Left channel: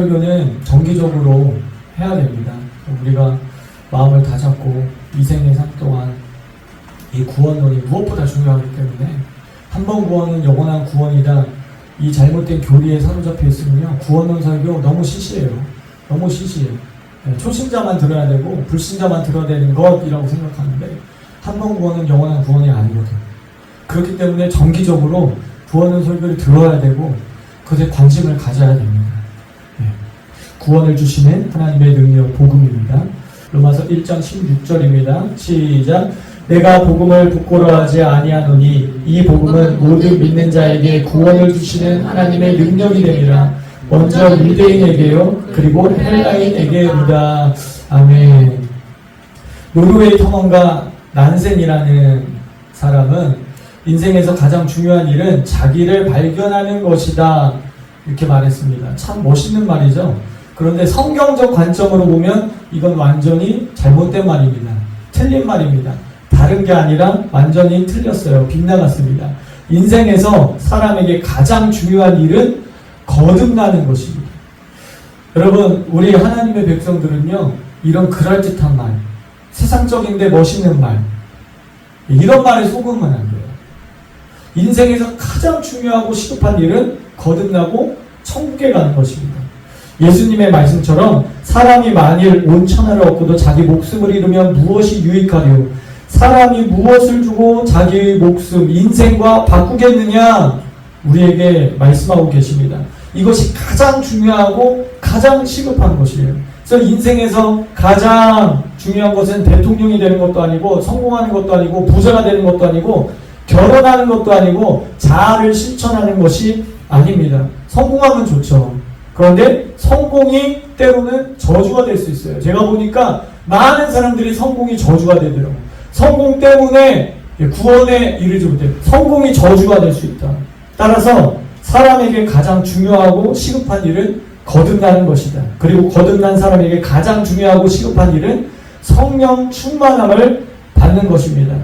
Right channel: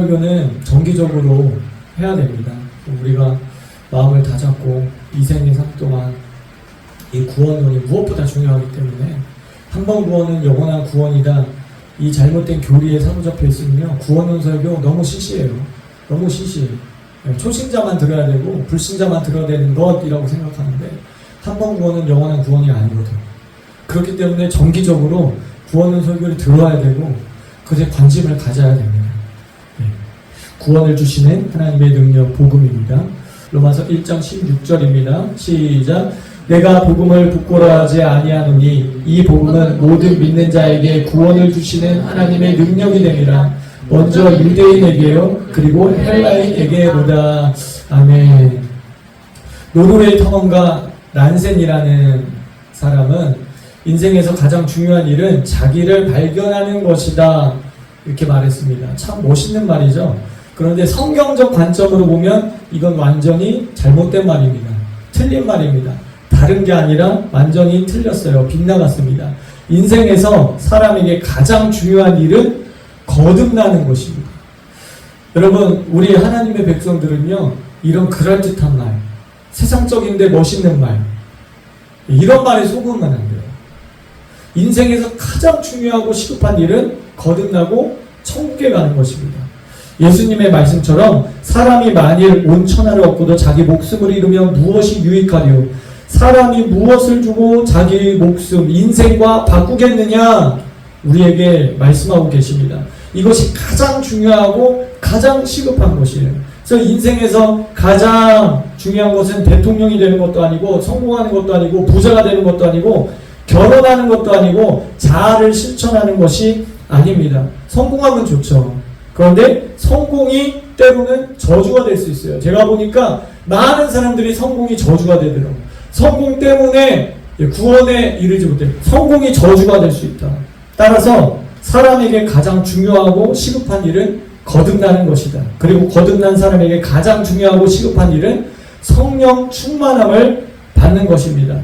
설교는 정기적으로 해야 됩니다. 우리가 마음을 다잡고 이 생의 삶 동안 이 구원론이 무엇보다 중요하기 때문에 한 번 구원은 영원한 구원이다. 이 잘못된 교리에 사로잡혀 있으면요, 구원론 설교 너무 시시해요. 너무 시시해요. 초신자만 들어야 되고 불신자만 들어야 되는 것이라고 생각하는데 한 번 구원은 영원한 구원이 아니거든요. 그렇기 때문에 정기적으로 구원론 설교를 들어야 되고 그것에 관심을 가져야 됩니다. 구원을 주시는 하나님의 능력, 복음입니다. 로마서 1장 16절입니다. 시작. 내가 복음을 부끄러워하지 아니하노니 이 복음은 모든 믿는 자에게 구원을 주시는 하나님의 능력이 됨이라. 먼저 유대인에게요, 그리고 헬라인에게로다. 아멘. 노르웨이 탐험가 난센이라는 사람은 인생에서 가장 중요한 일은 자기를 발견하는 것이다, 이렇게 말했습니다. 참 멋있는 말이죠. 그런데 성경적 관점으로 보면 이건 완전히 잘못된 말입니다. 틀린 말입니다. 다른 게 아니라 완전히 틀렸어요. 빗나갔습니다. 인생에서 사람에게 가장 중요한 일은 거듭나는 것입니다. 여러분, 우리 하나님의 백성들은요, 이런 그럴듯한 말, 세상적인데 멋있는 말, 이런 말에 속으면 안 돼요. 인생에서 가장 중요하고 시급한 일은 거듭나고 천국에 가는 것입니다. 예수님의 말씀처럼 사람이 만일 온 천하를 얻고도 자기 목숨을 잃으면 무엇이 유익하리요? 사람이 무엇을 주고 자기의 목숨, 인생과 바꾸겠느냐? 우리에게 말씀하고 계십니다. 이것이 가장 중요하고 가장 시급한 것이에요. 그래서 인생에서 가장 중요한 것은 대통령이 되는 것도 아니고 성공하는 것도 아니고 부자가 되는 것도 아니고 결혼하는 것도 아니고 자아를 실천하는 것이 아닙니다. 성공하면 좋죠. 그런데 성공이 때로는 저주가 될 수 있어요. 제가 보니까 많은 사람들이 성공이 저주가 되더라고요. 성공 때문에 구원에 이르지 못해요. 성공이 저주가 될 수 있다. 따라서 사람에게 가장 중요하고 시급한 일은 거듭나는 것이다. 그리고 거듭난 사람에게 가장 중요하고 시급한 일은 성령 충만함을 받는 것입니다.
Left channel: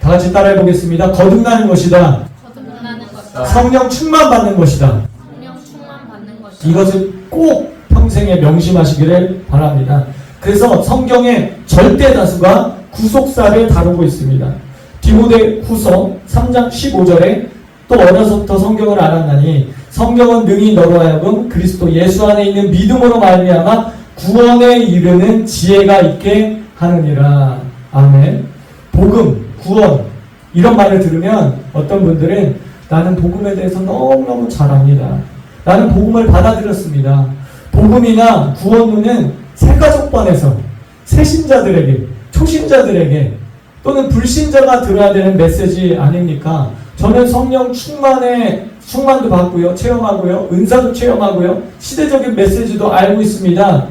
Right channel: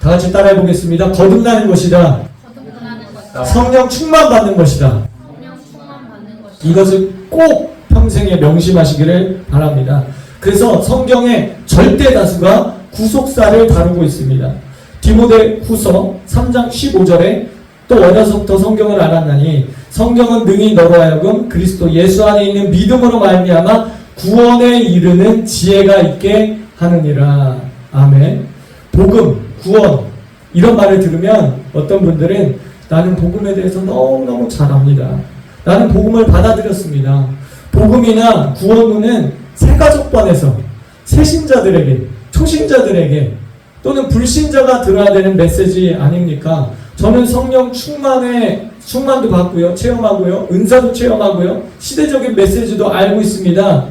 다 같이 따라해 보겠습니다. 거듭나는 것이다. 성령 충만 받는 것이다. 이것을 꼭 평생에 명심하시기를 바랍니다. 그래서 성경의 절대 다수가 구속사를 다루고 있습니다. 디모데 후서 3장 15절에 또 어려서부터 성경을 알았나니 성경은 능히 너로 하여금 그리스도 예수 안에 있는 믿음으로 말미암아 구원에 이르는 지혜가 있게 하느니라. 아멘. 복음, 구원, 이런 말을 들으면 어떤 분들은 나는 복음에 대해서 너무너무 잘 압니다. 나는 복음을 받아들였습니다. 복음이나 구원론은 새가족반에서 새신자들에게, 초신자들에게 또는 불신자가 들어야 되는 메시지 아닙니까? 저는 성령 충만도 받고요, 체험하고요, 은사도 체험하고요, 시대적인 메시지도 알고 있습니다.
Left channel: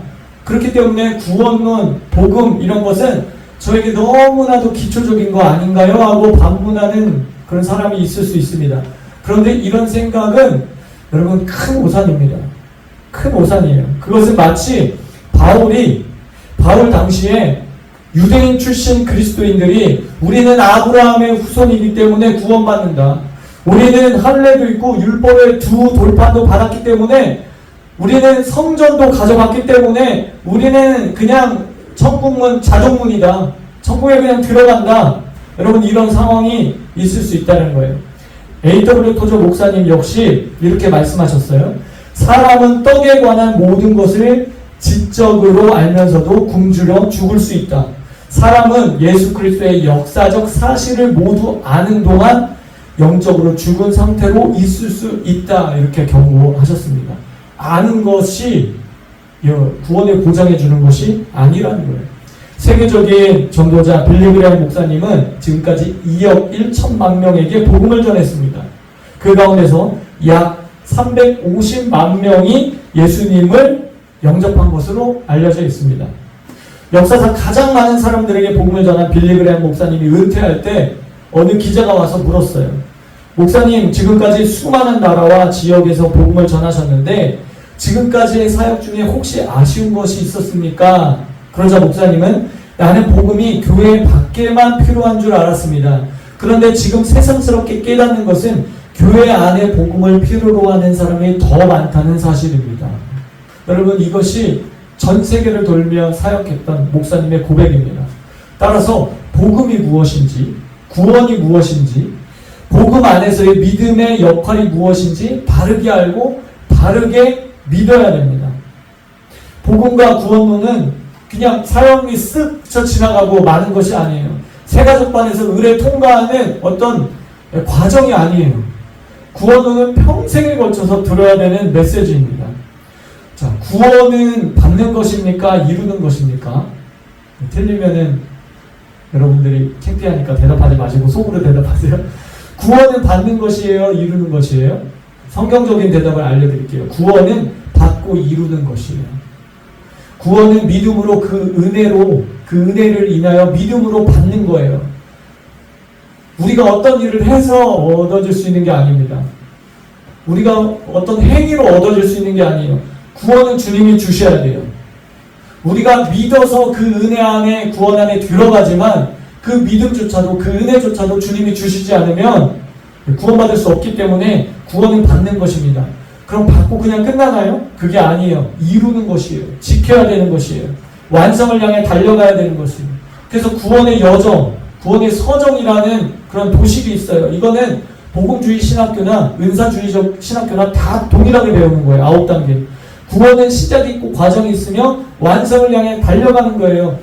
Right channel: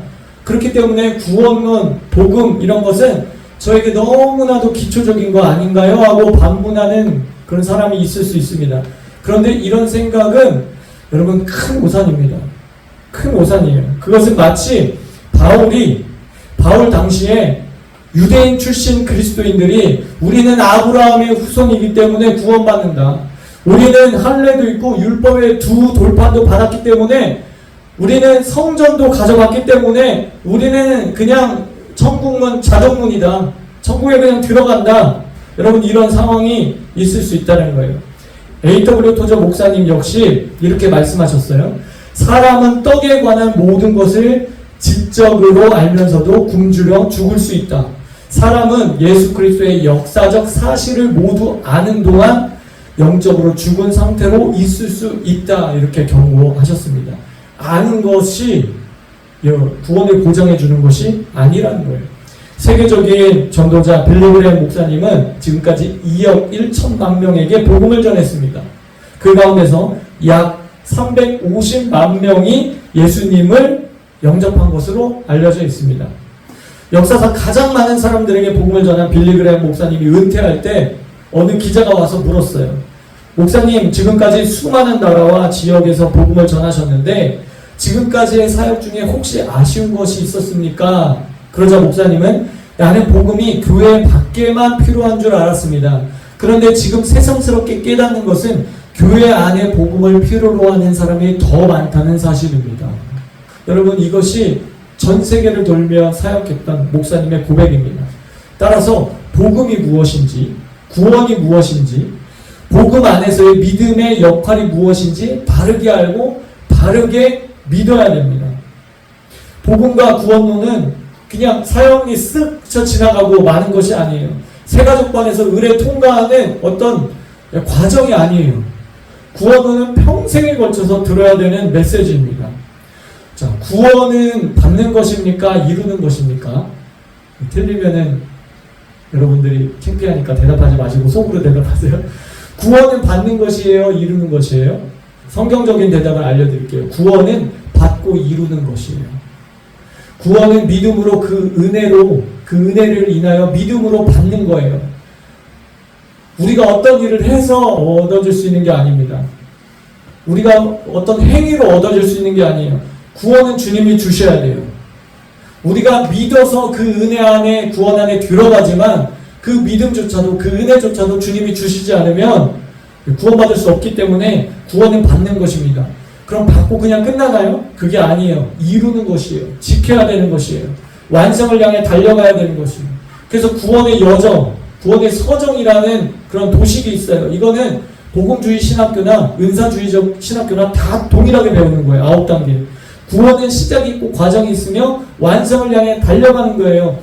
그렇기 때문에 구원론, 복음 이런 것은 저에게 너무나도 기초적인 거 아닌가요? 하고 반문하는 그런 사람이 있을 수 있습니다. 그런데 이런 생각은 여러분 큰 오산입니다. 큰 오산이에요. 그것은 마치 바울 당시에 유대인 출신 그리스도인들이 우리는 아브라함의 후손이기 때문에 구원받는다. 우리는 할례도 있고 율법의 두 돌판도 받았기 때문에 우리는 성전도 가져갔기 때문에 우리는 그냥 천국문 자동문이다. 천국에 그냥 들어간다. 여러분 이런 상황이 있을 수 있다는 거예요. A.W. 토저 목사님 역시 이렇게 말씀하셨어요. 사람은 떡에 관한 모든 것을 지적으로 알면서도 굶주려 죽을 수 있다. 사람은 예수 그리스도의 역사적 사실을 모두 아는 동안 영적으로 죽은 상태로 있을 수 있다. 이렇게 경고하셨습니다. 아는 것이 구원을 보장해 주는 것이 아니라는 거예요. 세계적인 전도자 빌리 그레이엄 목사님은 지금까지 2억 1천만 명에게 복음을 전했습니다. 그 가운데서 약 350만 명이 예수님을 영접한 것으로 알려져 있습니다. 역사상 가장 많은 사람들에게 복음을 전한 빌리 그레이엄 목사님이 은퇴할 때 어느 기자가 와서 물었어요. 목사님, 지금까지 수많은 나라와 지역에서 복음을 전하셨는데 지금까지의 사역 중에 혹시 아쉬운 것이 있었습니까? 그러자 목사님은 나는 복음이 교회 밖에만 필요한 줄 알았습니다. 그런데 지금 새삼스럽게 깨닫는 것은 교회 안에 복음을 필요로 하는 사람이 더 많다는 사실입니다. 여러분, 이것이 전 세계를 돌며 사역했던 목사님의 고백입니다. 따라서 복음이 무엇인지, 구원이 무엇인지, 복음 안에서의 믿음의 역할이 무엇인지 바르게 알고 바르게 믿어야 됩니다. 복음과 구원론은 그냥 사형이 쓱 쳐 지나가고 마는 것이 아니에요. 세가족반에서 의례 통과하는 어떤 과정이 아니에요. 구원론은 평생에 걸쳐서 들어야 되는 메시지입니다. 자, 구원은 받는 것입니까? 이루는 것입니까? 틀리면은 여러분들이 창피하니까 대답하지 마시고 속으로 대답하세요. 구원은 받는 것이에요? 이루는 것이에요? 성경적인 대답을 알려드릴게요. 구원은 받고 이루는 것이에요. 구원은 믿음으로 그 은혜를 인하여 믿음으로 받는 거예요. 우리가 어떤 일을 해서 얻어질 수 있는 게 아닙니다. 우리가 어떤 행위로 얻어질 수 있는 게 아니에요. 구원은 주님이 주셔야 돼요. 우리가 믿어서 그 은혜 안에, 구원 안에 들어가지만 그 믿음조차도, 그 은혜조차도 주님이 주시지 않으면 구원받을 수 없기 때문에 구원은 받는 것입니다. 그럼 받고 그냥 끝나나요? 그게 아니에요. 이루는 것이에요. 지켜야 되는 것이에요. 완성을 향해 달려가야 되는 것이에요. 그래서 구원의 여정, 구원의 서정이라는 그런 도식이 있어요. 이거는 복음주의 신학교나 은사주의적 신학교나 다 동일하게 배우는 거예요. 9단계. 구원은 시작이 있고 과정이 있으며 완성을 향해 달려가는 거예요.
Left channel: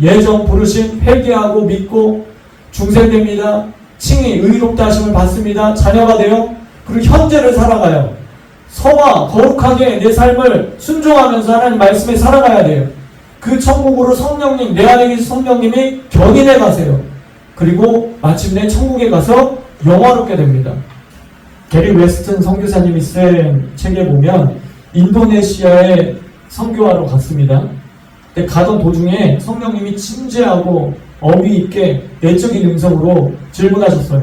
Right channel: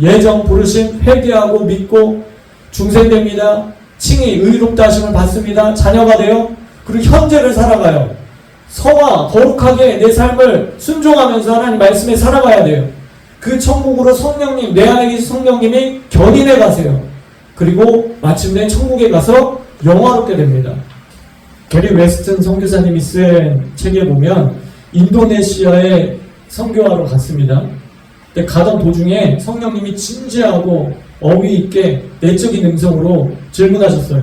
예정, 부르심, 회개하고 믿고 중생됩니다. 칭의, 의롭다 하심을 받습니다. 자녀가 돼요. 그리고 현재를 살아가요. 성화, 거룩하게 내 삶을 순종하면서 하나님 말씀에 살아가야 돼요. 그 천국으로 성령님, 내 안에 계신 성령님이 견인해 가세요. 그리고 마침내 천국에 가서 영화롭게 됩니다. 게리 웨스튼 선교사님이 쓴 책에 보면 인도네시아에 선교하러 갔습니다. 근데 가던 도중에 성령님이 진지하고 어미 있게 내적인 음성으로 질문하셨어요.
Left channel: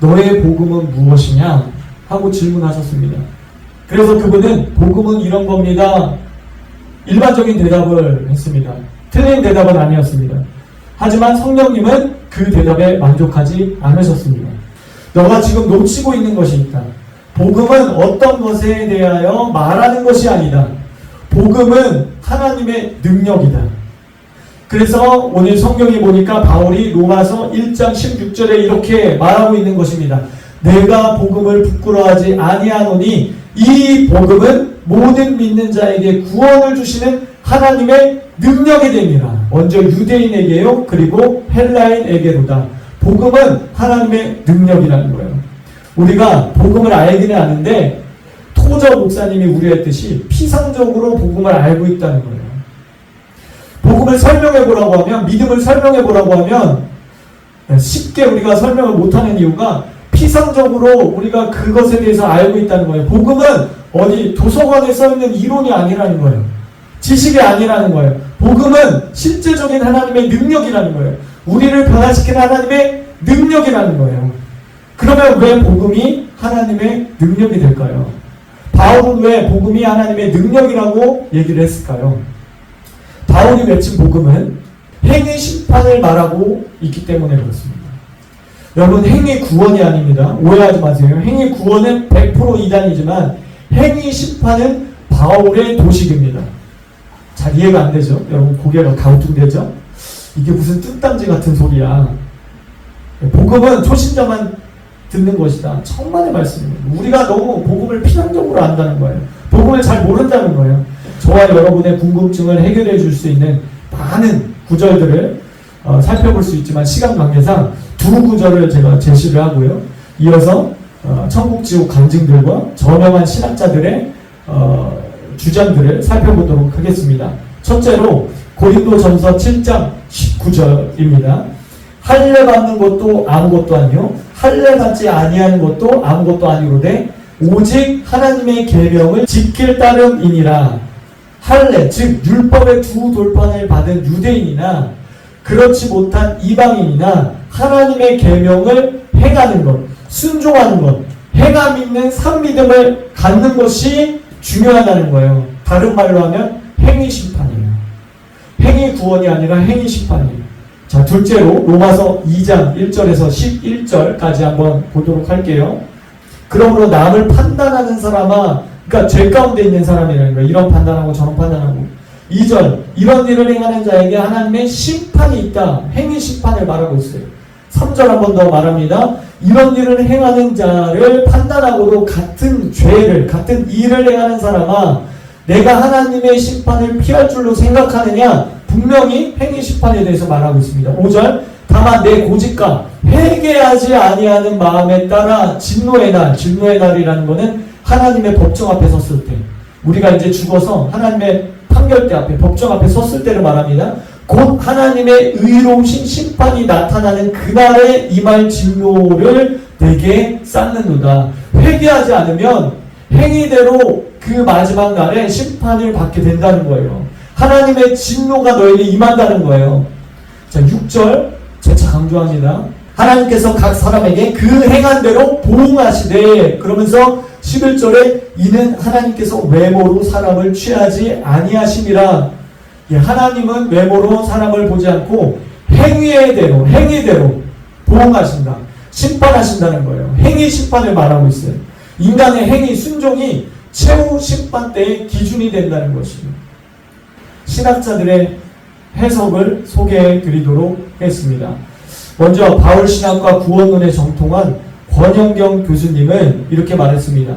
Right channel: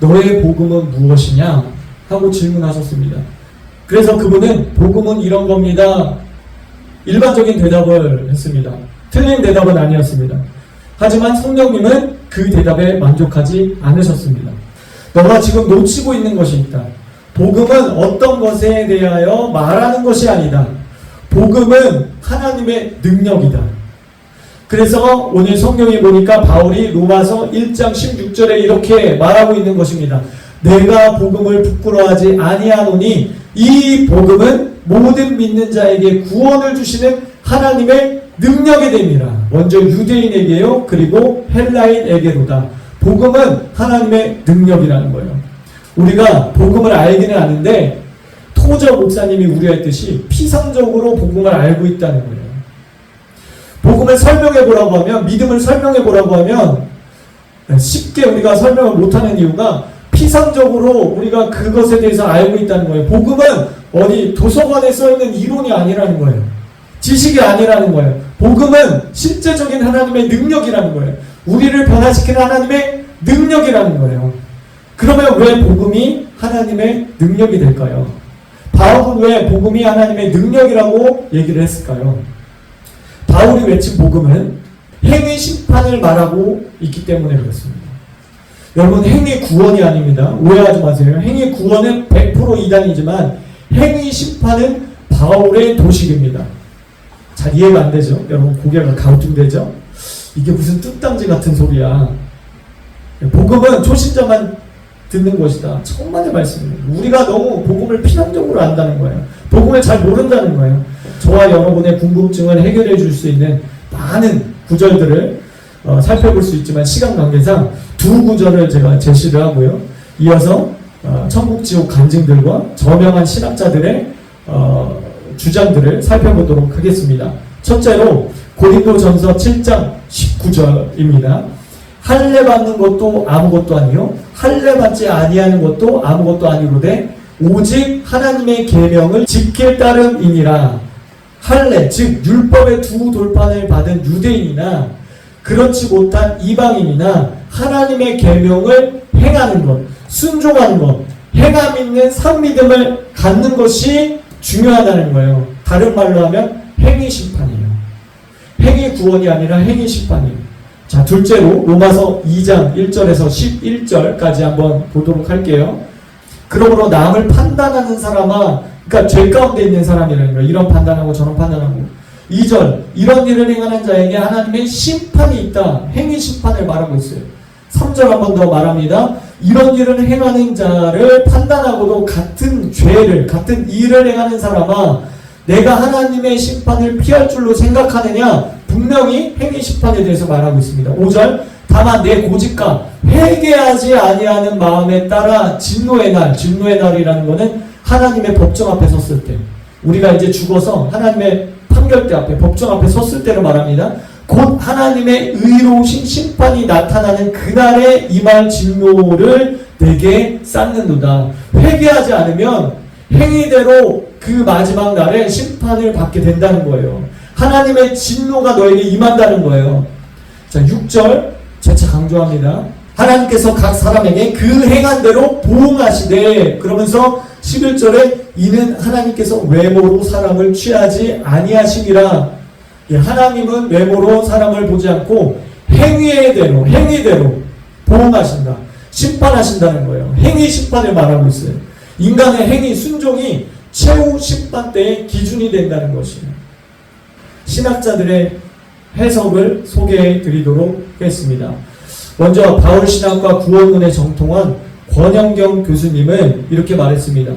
너의 복음은 무엇이냐? 하고 질문하셨습니다. 그래서 그분은 복음은 이런 겁니다. 일반적인 대답을 했습니다. 틀린 대답은 아니었습니다. 하지만 성령님은 그 대답에 만족하지 않으셨습니다. 너가 지금 놓치고 있는 것이 있다. 복음은 어떤 것에 대하여 말하는 것이 아니다. 복음은 하나님의 능력이다. 그래서 오늘 성경에 보니까 바울이 로마서 1장 16절에 이렇게 말하고 있는 것입니다. 내가 복음을 부끄러워하지 아니하노니 이 복음은 모든 믿는 자에게 구원을 주시는 하나님의 능력이 됨이라. 먼저 유대인에게요, 그리고 헬라인에게로다. 복음은 하나님의 능력이라는 거예요. 우리가 복음을 알기는 아는데 토저 목사님이 우려했듯이 피상적으로 복음을 알고 있다는 거예요. 복음을 설명해 보라고 하면, 믿음을 설명해 보라고 하면 쉽게 우리가 설명을 못하는 이유가 피상적으로 우리가 그것에 대해서 알고 있다는 거예요. 복음은 어디 도서관에 써있는 이론이 아니라는 거예요. 지식이 아니라는 거예요. 복음은 실제적인 하나님의 능력이라는 거예요. 우리를 변화시키는 하나님의 능력이라는 거예요. 그러면 왜 복음이 하나님의 능력이 될까요? 바울은 왜 복음이 하나님의 능력이라고 얘기를 했을까요? 바울이 외친 복음은 행위 심판을 말하고 있기 때문에 그렇습니다. 여러분, 행위 구원이 아닙니다. 오해하지 마세요. 행위 구원은 100% 이단이지만 행위 심판은 바울의 도식입니다. 잘 이해가 안 되죠? 여러분, 고개가 가우뚱되죠? 이게 무슨 뚱딴지 같은 소리야. 복음은 초신자만 듣는 것이다. 천만의 말씀입니다. 우리가 너무 복음을 피상적으로 안다는 거예요. 복음을 잘 모른다는 거예요. 저와 여러분의 궁금증을 해결해 줄 수 있는 많은 구절들을 살펴볼 수 있지만 시간 관계상 두 구절을 제가 제시를 하고요. 이어서 천국 지옥 간증들과 저명한 신학자들의 주장들을 살펴보도록 하겠습니다. 첫째로 고린도전서 7장 19절입니다. 할례 받는 것도 아무것도 아니요 할례 받지 아니하는 것도 아무것도 아니로되 오직 하나님의 계명을 지킬 따름이니라. 할례, 즉 율법의 두 돌판을 받은 유대인이나 그렇지 못한 이방인이나 하나님의 계명을 행하는 것, 순종하는 것, 행함 있는 산믿음을 갖는 것이 중요하다는 거예요. 다른 말로 하면 행위 심판이에요. 행위 구원이 아니라 행위 심판이에요. 자, 둘째로 로마서 2장 1절에서 11절까지 한번 보도록 할게요. 그러므로 남을 판단하는 사람아, 그러니까 죄 가운데 있는 사람이라는 거예요. 이런 판단하고 저런 판단하고. 2절, 이런 일을 행하는 자에게 하나님의 심판이 있다. 행위 심판을 말하고 있어요. 3절 한 번 더 말합니다. 이런 일을 행하는 자를 판단하고도 같은 죄를, 같은 일을 행하는 사람아, 내가 하나님의 심판을 피할 줄로 생각하느냐? 분명히 행위 심판에 대해서 말하고 있습니다. 5절, 다만 내 고집과 회개하지 아니하는 마음에 따라 진노의 날, 진노의 날이라는 것은 하나님의 법정 앞에 섰을 때, 우리가 이제 죽어서 하나님의 판결대 앞에, 법정 앞에 섰을 때를 말합니다. 곧 하나님의 의로우신 심판이 나타나는 그날에 임할 진노를 내게 쌓는도다. 회개하지 않으면 행위대로 그 마지막 날에 심판을 받게 된다는 거예요. 하나님의 진노가 너에게 임한다는 거예요. 자, 6절 재차 강조합니다. 하나님께서 각 사람에게 그 행한 대로 보응하시되, 그러면서 11절에 이는 하나님께서 외모로 사람을 취하지 아니하시니라. 하나님은 외모로 사람을 보지 않고 행위대로 보응하신다. 심판하신다는 거예요. 행위 심판을 말하고 있어요. 인간의 행위, 순종이 최후 심판 때의 기준이 된다는 것이에요. 신학자들의 해석을 소개해 드리도록 하겠습니다. 먼저 바울신학과 구원론에 정통한 권영경 교수님은 이렇게 말했습니다.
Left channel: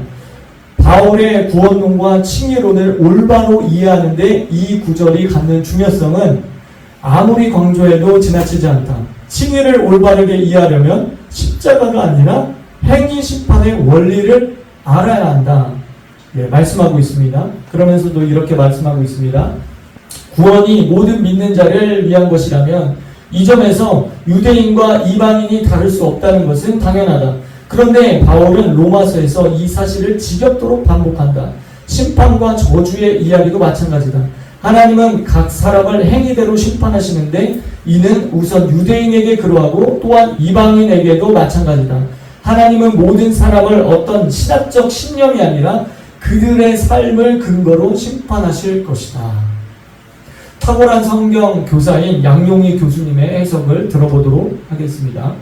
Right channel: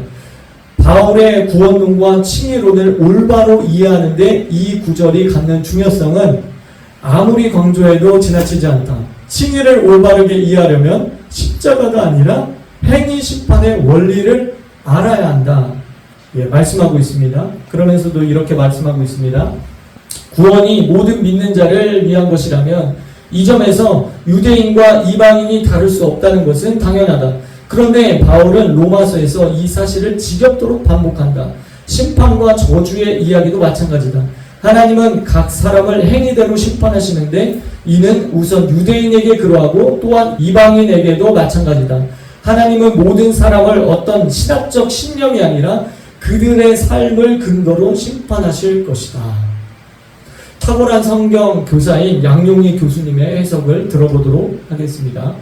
바울의 구원론과 칭의론을 올바로 이해하는데 이 구절이 갖는 중요성은 아무리 강조해도 지나치지 않다. 칭의를 올바르게 이해하려면 십자가가 아니라 행위 심판의 원리를 알아야 한다. 말씀하고 있습니다. 그러면서도 이렇게 말씀하고 있습니다. 구원이 모든 믿는 자를 위한 것이라면 이 점에서 유대인과 이방인이 다를 수 없다는 것은 당연하다. 그런데 바울은 로마서에서 이 사실을 지겹도록 반복한다. 심판과 저주의 이야기도 마찬가지다. 하나님은 각 사람을 행위대로 심판하시는데 이는 우선 유대인에게 그러하고 또한 이방인에게도 마찬가지다. 하나님은 모든 사람을 어떤 신학적 신념이 아니라 그들의 삶을 근거로 심판하실 것이다. 탁월한 성경 교사인 양용희 교수님의 해석을 들어보도록 하겠습니다.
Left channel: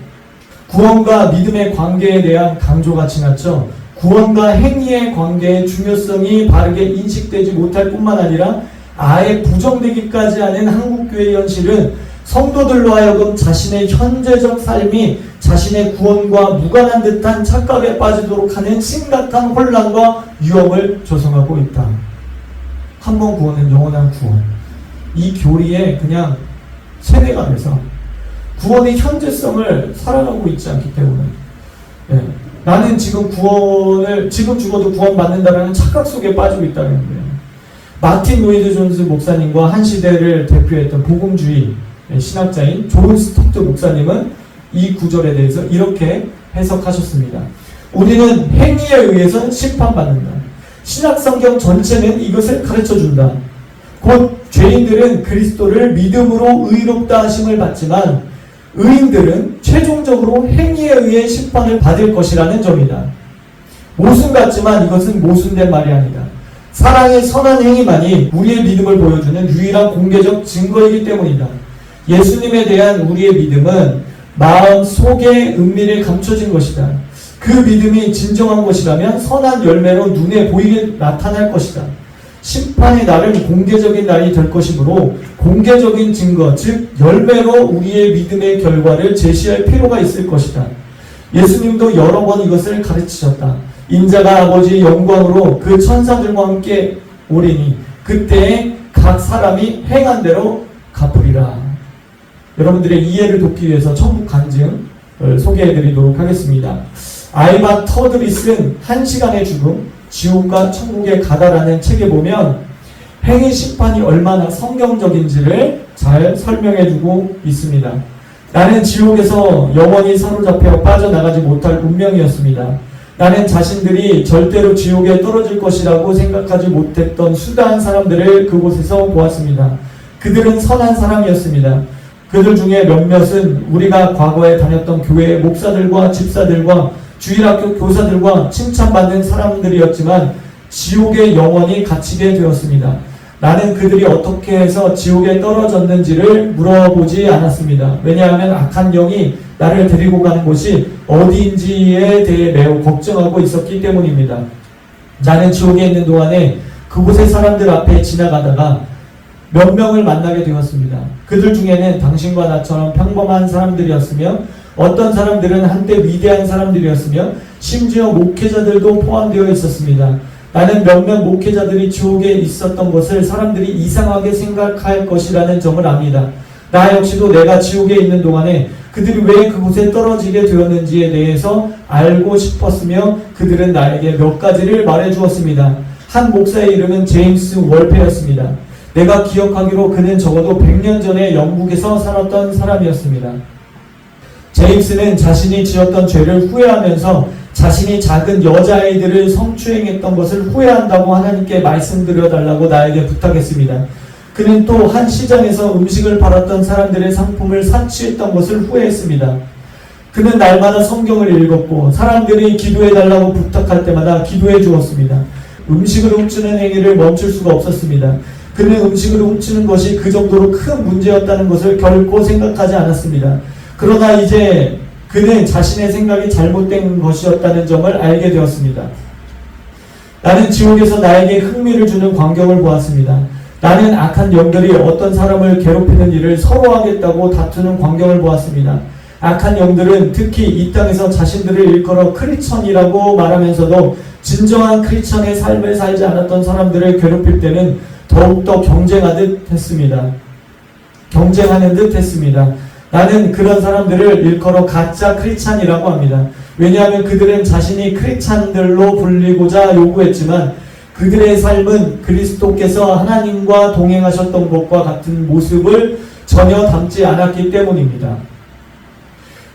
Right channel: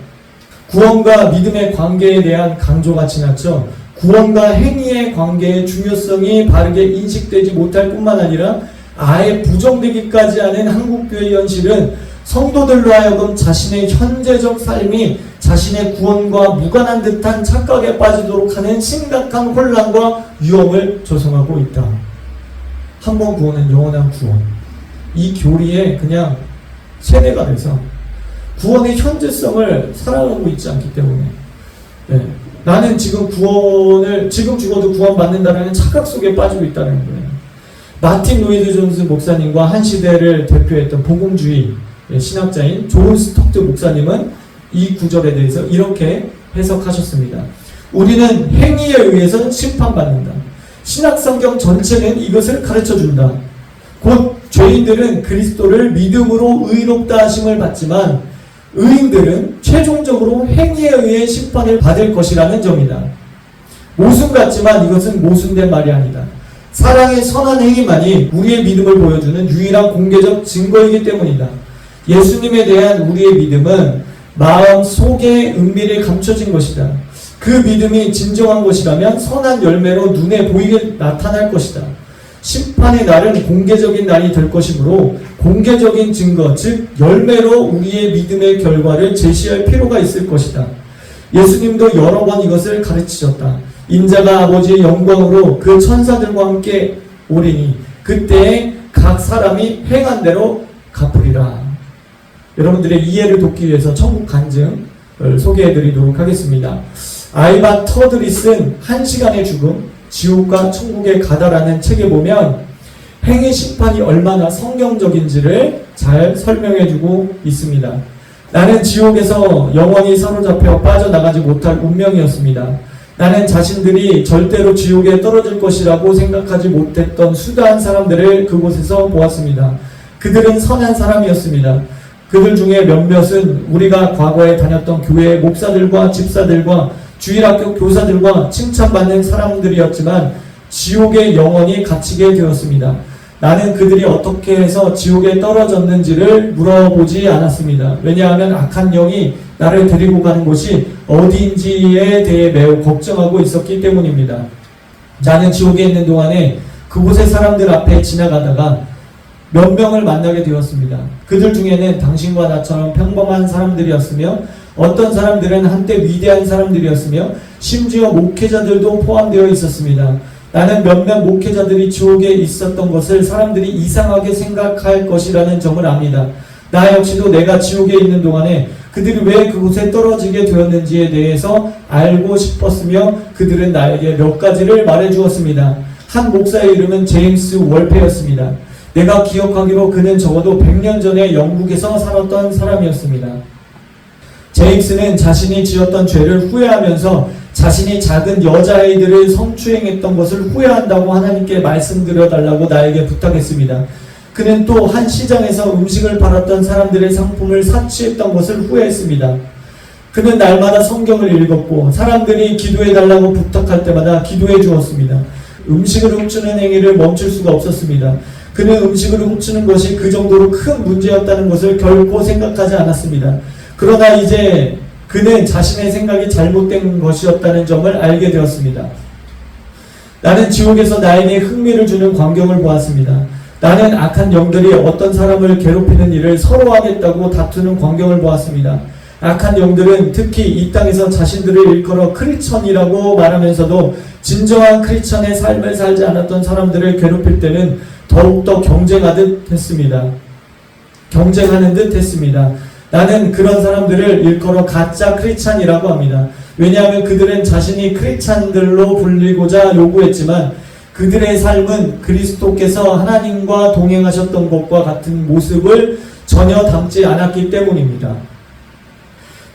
구원과 믿음의 관계에 대한 강조가 지나쳐 구원과 행위의 관계의 중요성이 바르게 인식되지 못할 뿐만 아니라 아예 부정되기까지 하는 한국교회 현실은 성도들로 하여금 자신의 현재적 삶이 자신의 구원과 무관한 듯한 착각에 빠지도록 하는 심각한 혼란과 위험을 조성하고 있다. 한 번 구원은 영원한 구원. 이 교리에 그냥 세뇌가 돼서 구원의 현재성을 살아가고 있지 않기 때문에 나는 지금 지금 죽어도 구원 받는다라는 착각 속에 빠지고 있다는 거예요. 마틴 로이드 존스 목사님과 한 시대를 대표했던 복음주의 신학자인 존 스톡트 목사님은 이 구절에 대해서 이렇게 해석하셨습니다. 우리는 행위에 의해서 심판받는다. 신약성경 전체는 이것을 가르쳐준다. 곧 죄인들은 그리스도를 믿음으로 의롭다 하심을 받지만 의인들은 최종적으로 행위에 의해 심판을 받을 것이라는 점이다. 모순 같지만 이것은 모순된 말이 아니다. 사랑의 선한 행위만이 우리의 믿음을 보여주는 유일한 공개적 증거이기 때문이다. 예수님에 대한 우리의 믿음은 마음 속에 은밀히 감춰진 것이다. 그 믿음이 진정한 것이라면 선한 열매로 눈에 보이게 나타날 것이다. 심판의 날은 공개적인 날이 될 것이므로 공개적인 증거, 즉 열매로 우리의 믿음의 결과를 제시할 필요가 있을 것이다. 예수님도 여러 번 이것을 가르치셨다. 인자가 아버지의 영광으로 그 천사들과 함께 오리니 그때에 각 사람이 행한 대로 갚으리라. 여러분들의 이해를 돕기 위해서 천국 간증을 소개해드리도록 하겠습니다. 알바 터들이 쓴 1시간의 죽음, 지옥과 천국에 가다라는 책에 보면 행위 심판이 얼마나 성경적인지를 잘 설명해주고 있습니다. 나는 지옥에서 영원히 사로잡혀 빠져나가지 못할 운명이었습니다. 나는 자신들이 절대로 지옥에 떨어질 것이라고 생각하지 못했던 수다한 사람들을 그곳에서 보았습니다. 그들은 선한 사람이었습니다. 그들 중에 몇몇은 우리가 과거에 다녔던 교회의 목사들과 집사들과 주일학교 교사들과 칭찬받는 사람들이었지만 지옥에 영원히 갇히게 되었습니다. 나는 그들이 어떻게 해서 지옥에 떨어졌는지를 물어보지 않았습니다. 왜냐하면 악한 영이 나를 데리고 가는 곳이 어디인지에 대해 매우 걱정하고 있었기 때문입니다. 나는 지옥에 있는 동안에 그곳의 사람들 앞에 지나가다가 몇 명을 만나게 되었습니다. 그들 중에는 당신과 나처럼 평범한 사람들이었으며 어떤 사람들은 한때 위대한 사람들이었으며 심지어 목회자들도 포함되어 있었습니다. 나는 몇몇 목회자들이 지옥에 있었던 것을 사람들이 이상하게 생각할 것이라는 점을 압니다. 나 역시도 내가 지옥에 있는 동안에 그들이 왜 그곳에 떨어지게 되었는지에 대해서 알고 싶었으며 그들은 나에게 몇 가지를 말해주었습니다. 한 목사의 이름은 제임스 월페였습니다. 내가 기억하기로 그는 적어도 100년 전에 영국에서 살았던 사람이었습니다. 제임스는 자신이 지었던 죄를 후회하면서 자신이 작은 여자아이들을 성추행했던 것을 후회한다고 하나님께 말씀드려달라고 나에게 부탁했습니다. 그는 또 한 시장에서 음식을 팔았던 사람들의 상품을 사치했던 것을 후회했습니다. 그는 날마다 성경을 읽었고 사람들이 기도해달라고 부탁할 때마다 기도해 주었습니다. 음식을 훔치는 행위를 멈출 수가 없었습니다. 그는 음식을 훔치는 것이 그 정도로 큰 문제였다는 것을 결코 생각하지 않았습니다. 그러나 이제 그는 자신의 생각이 잘못된 것이었다는 점을 알게 되었습니다. 나는 지옥에서 나에게 흥미를 주는 광경을 보았습니다. 나는 악한 영들이 어떤 사람을 괴롭히는 일을 서로 하겠다고 다투는 광경을 보았습니다. 악한 영들은 특히 이 땅에서 자신들을 일컬어 크리스천이라고 말하면서도 진정한 크리스천의 삶을 살지 않았던 사람들을 괴롭힐 때는 더욱더 경쟁하는 듯 했습니다. 나는 그런 사람들을 일컬어 가짜 크리스찬이라고 합니다. 왜냐하면 그들은 자신이 크리스찬들로 불리고자 요구했지만 그들의 삶은 그리스도께서 하나님과 동행하셨던 것과 같은 모습을 전혀 담지 않았기 때문입니다.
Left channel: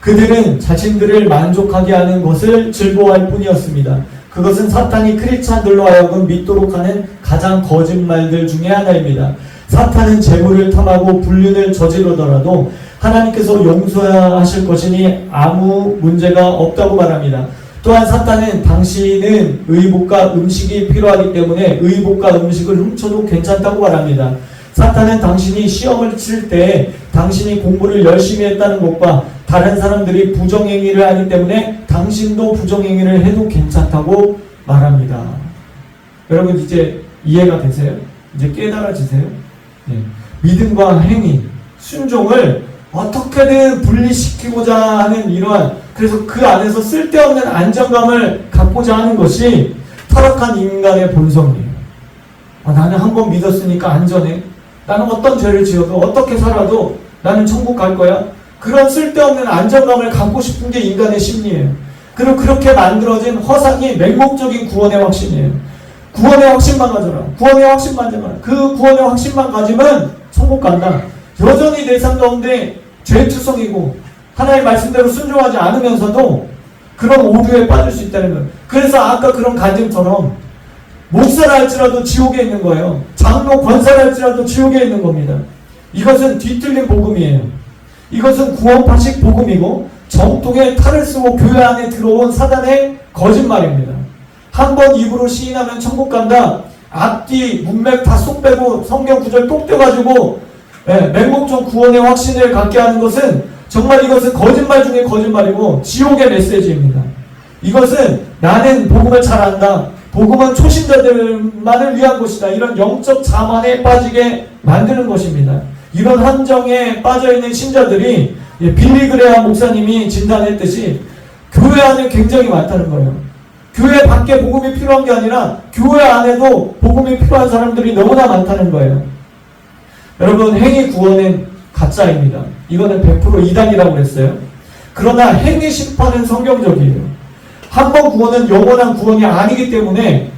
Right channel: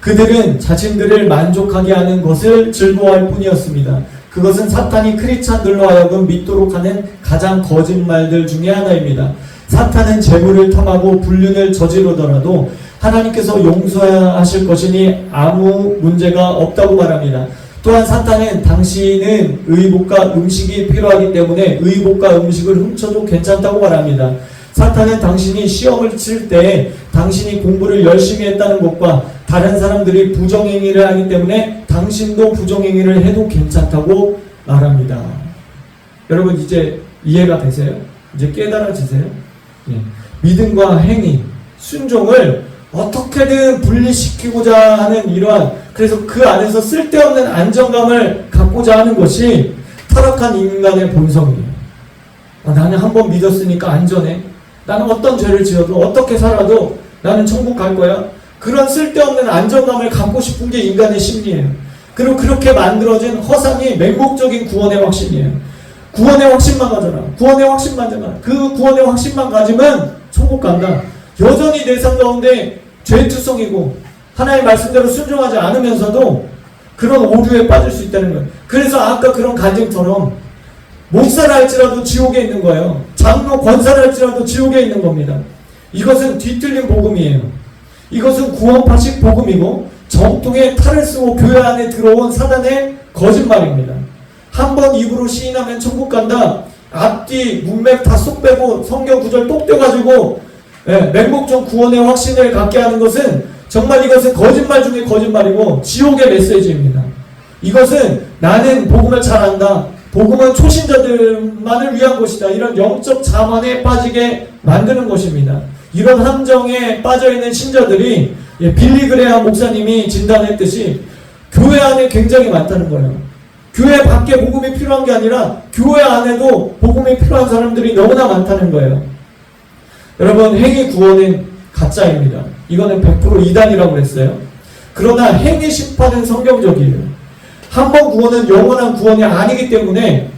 그들은 자신들을 만족하게 하는 것을 즐거워할 뿐이었습니다. 그것은 사탄이 크리스찬들로 하여금 믿도록 하는 가장 거짓말들 중에 하나입니다. 사탄은 재물을 탐하고 불륜을 저지르더라도 하나님께서 용서하실 것이니 아무 문제가 없다고 말합니다. 또한 사탄은 당신은 의복과 음식이 필요하기 때문에 의복과 음식을 훔쳐도 괜찮다고 말합니다. 사탄은 당신이 시험을 칠 때 당신이 공부를 열심히 했다는 것과 다른 사람들이 부정행위를 하기 때문에 당신도 부정행위를 해도 괜찮다고 말합니다. 여러분 이제 이해가 되세요? 이제 깨달아지세요? 예. 믿음과 행위, 순종을 어떻게든 분리시키고자 하는 이러한, 그래서 그 안에서 쓸데없는 안정감을 갖고자 하는 것이 타락한 인간의 본성이에요. 나는 한번 믿었으니까 안전해. 나는 어떤 죄를 지어도 어떻게 살아도 나는 천국 갈 거야. 그런 쓸데없는 안정감을 갖고 싶은 게 인간의 심리예요. 그리고 그렇게 만들어진 허상이 맹목적인 구원의 확신이에요. 구원의 확신만 가져라. 구원의 확신만 가져라. 그 구원의 확신만 가지면 천국 간다. 여전히 내 삶 가운데 죄투성이고 하나님의 말씀대로 순종하지 않으면서도 그런 오류에 빠질 수 있다는 거예요. 그래서 아까 그런 간증처럼 목사라 할지라도 지옥에 있는 거예요. 장로 권사라 할지라도 지옥에 있는 겁니다. 이것은 뒤틀린 복음이에요. 이것은 구원파식 복음이고 정통의 탈을 쓰고 교회 안에 들어온 사단의 거짓말입니다. 한번 입으로 시인하면 천국 간다. 앞뒤 문맥 다 쏙 빼고 성경 구절 똑 떼가지고 맹목적 구원의 확신을 갖게 하는 것은 정말 이것은 거짓말 중에 거짓말이고 지옥의 메시지입니다. 이것은 나는 복음을 잘 안다. 복음은 초신자들만을 위한 것이다. 이런 영적 자만에 빠지게 만드는 것입니다. 이런 함정에 빠져있는 신자들이 빌리그레아 목사님이 진단했듯이 교회 안에 굉장히 많다는 거예요. 교회 밖에 복음이 필요한 게 아니라 교회 안에도 복음이 필요한 사람들이 너무나 많다는 거예요. 여러분, 행위 구원은 가짜입니다. 이거는 100% 이단이라고 했어요. 그러나 행위 심판은 성경적이에요. 한 번 구원은 영원한 구원이 아니기 때문에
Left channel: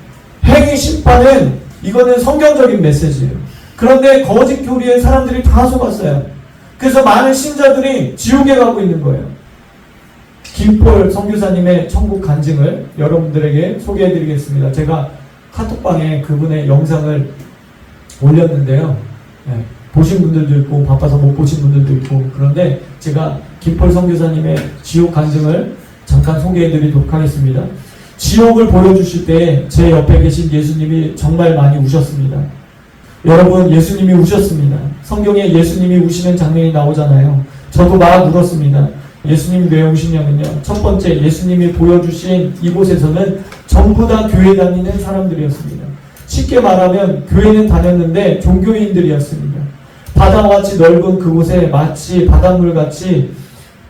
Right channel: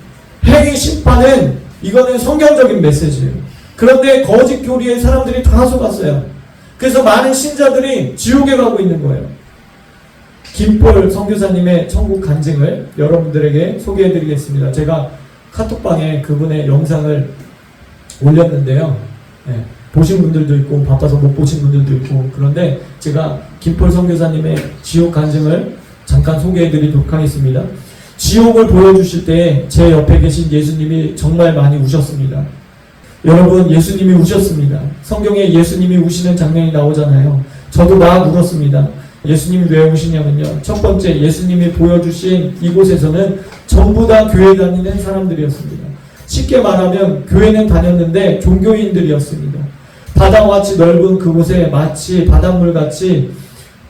행위 심판은 이거는 성경적인 메시지예요. 그런데 거짓 교리에 사람들이 다 속았어요. 그래서 많은 신자들이 지옥에 가고 있는 거예요. 김폴 선교사님의 천국 간증을 여러분들에게 소개해드리겠습니다. 제가 카톡방에 그분의 영상을 올렸는데요. 보신 분들도 있고 바빠서 못 보신 분들도 있고, 그런데 제가 김폴 선교사님의 지옥 간증을 잠깐 소개해드리도록 하겠습니다. 지옥을 보여주실 때 제 옆에 계신 예수님이 정말 많이 우셨습니다. 여러분, 예수님이 우셨습니다. 성경에 예수님이 우시는 장면이 나오잖아요. 저도 막 울었습니다. 예수님이 왜 우시냐면요, 첫 번째, 예수님이 보여주신 이곳에서는 전부 다 교회 다니는 사람들이었습니다. 쉽게 말하면 교회는 다녔는데 종교인들이었습니다. 바다와 같이 넓은 그곳에 마치 바닷물같이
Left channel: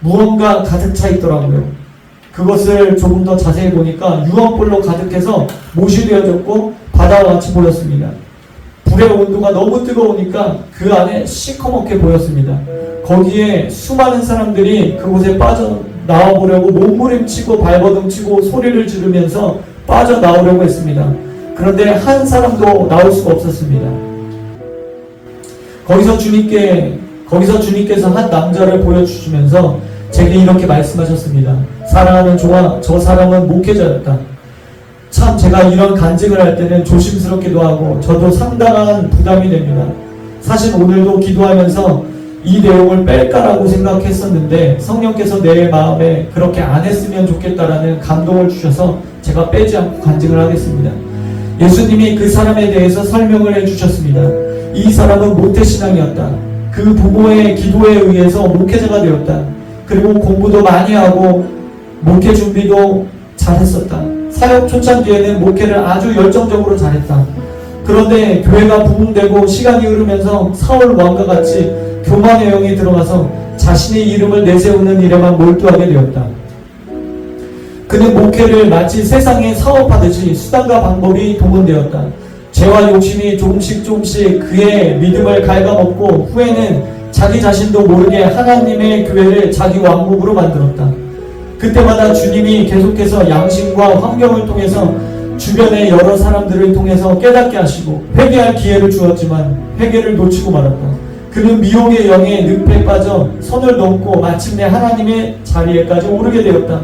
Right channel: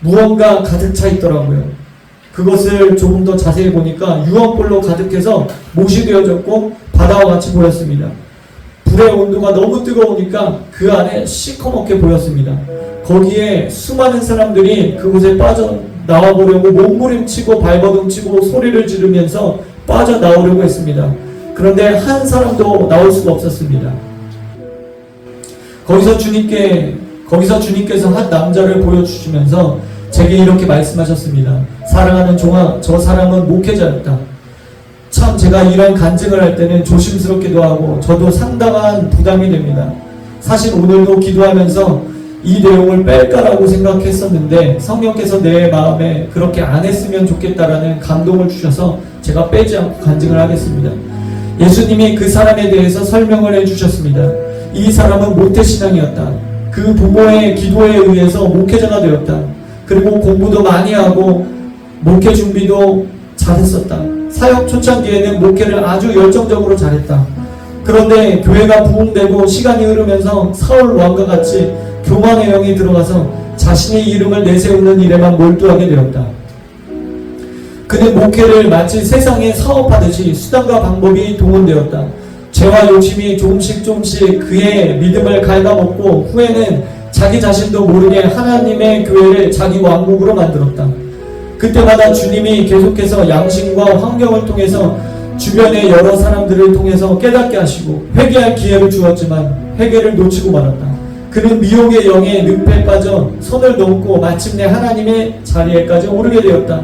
무언가 가득 차 있더라고요. 그것을 조금 더 자세히 보니까 유황불로 가득해서 못이 되어졌고 바다와 같이 보였습니다. 불의 온도가 너무 뜨거우니까 그 안에 시커멓게 보였습니다. 거기에 수많은 사람들이 그곳에 빠져나와 보려고 몸부림치고 발버둥치고 소리를 지르면서 빠져나오려고 했습니다. 그런데 한 사람도 나올 수가 없었습니다. 거기서 주님께서 한 남자를 보여주시면서 제게 이렇게 말씀하셨습니다. 사랑하는 종아, 저 사람은 목회자였다. 참 제가 이런 간증을 할 때는 조심스럽기도 하고 저도 상당한 부담이 됩니다. 사실 오늘도 기도하면서 이 내용을 뺄까라고 생각했었는데 성령께서 내 마음에 그렇게 안 했으면 좋겠다라는 감동을 주셔서 제가 빼지 않고 간증을 하겠습니다. 예수님이 그 사람에 대해서 설명을 해주셨습니다. 이 사람은 모태신앙이었다. 그 부모의 기도에 의해서 목회자가 되었다. 그리고 공부도 많이 하고 목회 준비도 잘했었다. 사역 초창기에는 목회를 아주 열정적으로 잘했다. 그런데 교회가 부흥되고 시간이 흐르면서 사울 왕과 같이 교만의 영이 들어가서 자신의 이름을 내세우는 일에만 몰두하게 되었다. 그는 목회를 마치 세상에 사업하듯이 수단과 방법이 동원되었다. 죄와 욕심이 조금씩 그의 믿음을 갉아먹고 후에는 자기 자신도 모르게 하나님의 교회를 자기 왕국으로 만들었다. 그때마다 주님이 계속해서 양심과 환경을 통해서 주변의 여러 사람들을 통해서 깨닫게 하시고 회개할 기회를 주었지만 회개를 놓치고 말았다. 그는 미혹의 영의 늪에 빠져 선을 넘고 마침내 하나님의 자리에까지 오르게 되었다.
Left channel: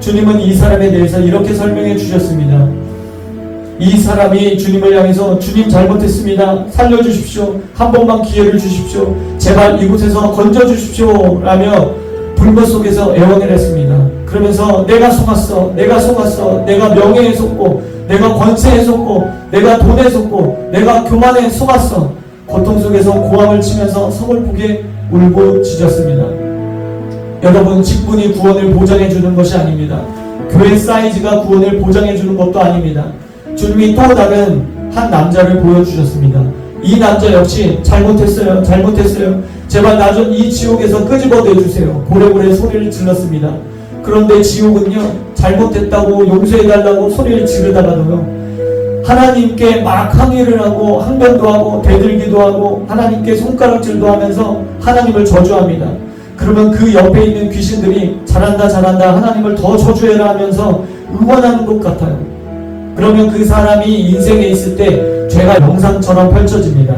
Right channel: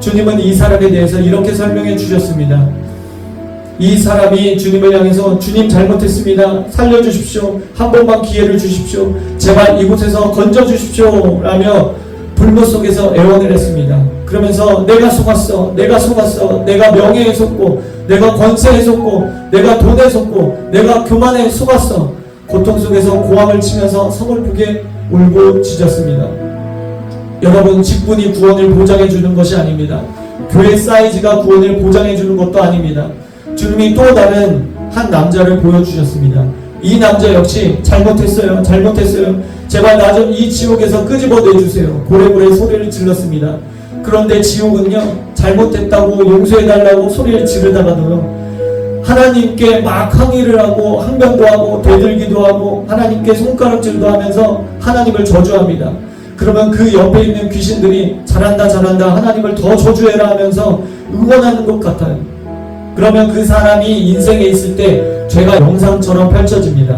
주님은 이 사람에 대해서 이렇게 설명해 주셨습니다. 이 사람이 주님을 향해서 주님 잘못했습니다. 살려주십시오. 한 번만 기회를 주십시오. 제발 이곳에서 건져주십시오. 라며 불못 속에서 애원을 했습니다. 그러면서 내가 속았어. 내가 명예에 속고 내가 권세에 속고 내가 돈에 속고 내가 교만에 속았어. 고통 속에서 고함을 치면서 서글프게 울고 짖었습니다. 여러분, 직분이 구원을 보장해 주는 것이 아닙니다. 교회 사이즈가 구원을 보장해 주는 것도 아닙니다. 주님이 또 다른 한 남자를 보여주셨습니다. 이 남자 역시 잘못했어요. 제발 나 좀 이 지옥에서 끄집어 내주세요. 고래고래 소리를 질렀습니다. 그런데 지옥은요, 잘못했다고 용서해달라고 소리를 지르다가도요, 하나님께 막 항의를 하고 항변도 하고 대들기도 하고 하나님께 손가락질도 하면서 하나님을 저주합니다. 그러면 그 옆에 있는 귀신들이 잘한다 하나님을 더 저주해라 하면서 응원하는 것 같아요. 그러면 그 사람이 인생에 있을 때 죄가 영상처럼 펼쳐집니다.